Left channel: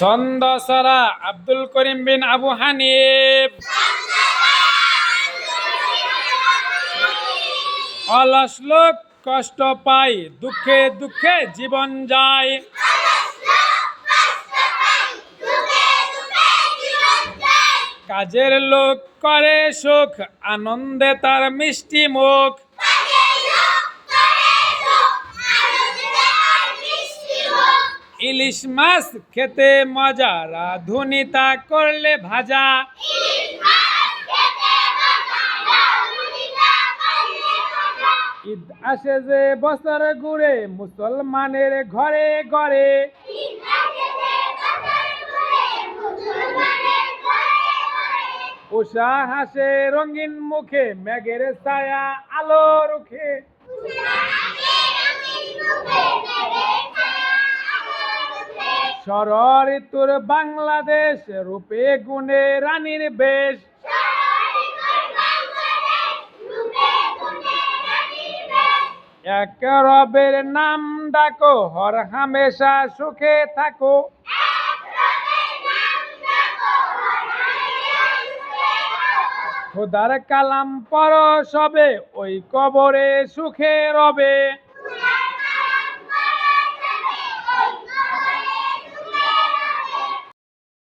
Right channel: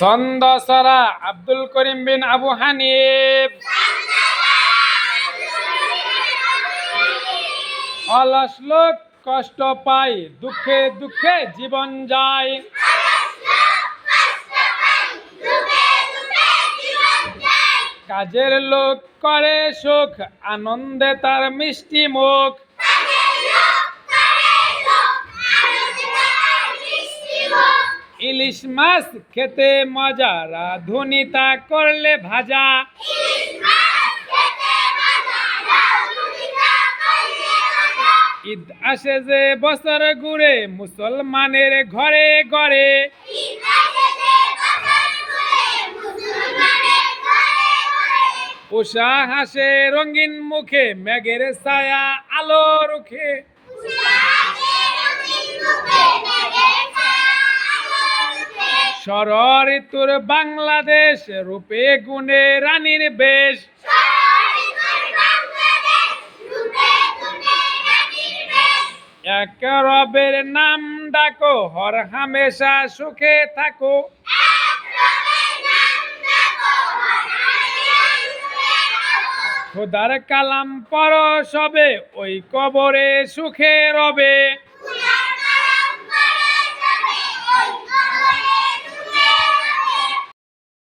ছন্দ সারা আব্দুল করিম বিন আবু হানিফ। অলস লোক কষ্ট পায়, দুঃখে দুঃখে জীবন যায়। কাজের লোক করে সুখ, আনন্দে তার মিষ্টি মুখ। ইলিশ মাছ খেতে মজা, রাঁধুনি তা করলে ভাজা। ঈদ আসে যে বছর ঘুরে, মুসলমানের ঘরে ঘরে। উষা হাসে রঙিন মুখে, মেঘের ছায়া আলো রুখে। ষড় ঋতুর বাংলাদেশ, রূপে গুণে রানীর বেশ। এক রবের নাম ডাকো, হর হামেশা সুখে থাকো। খোদার কালাম পড়ো সবে, ওই কবরে সুখে রবে।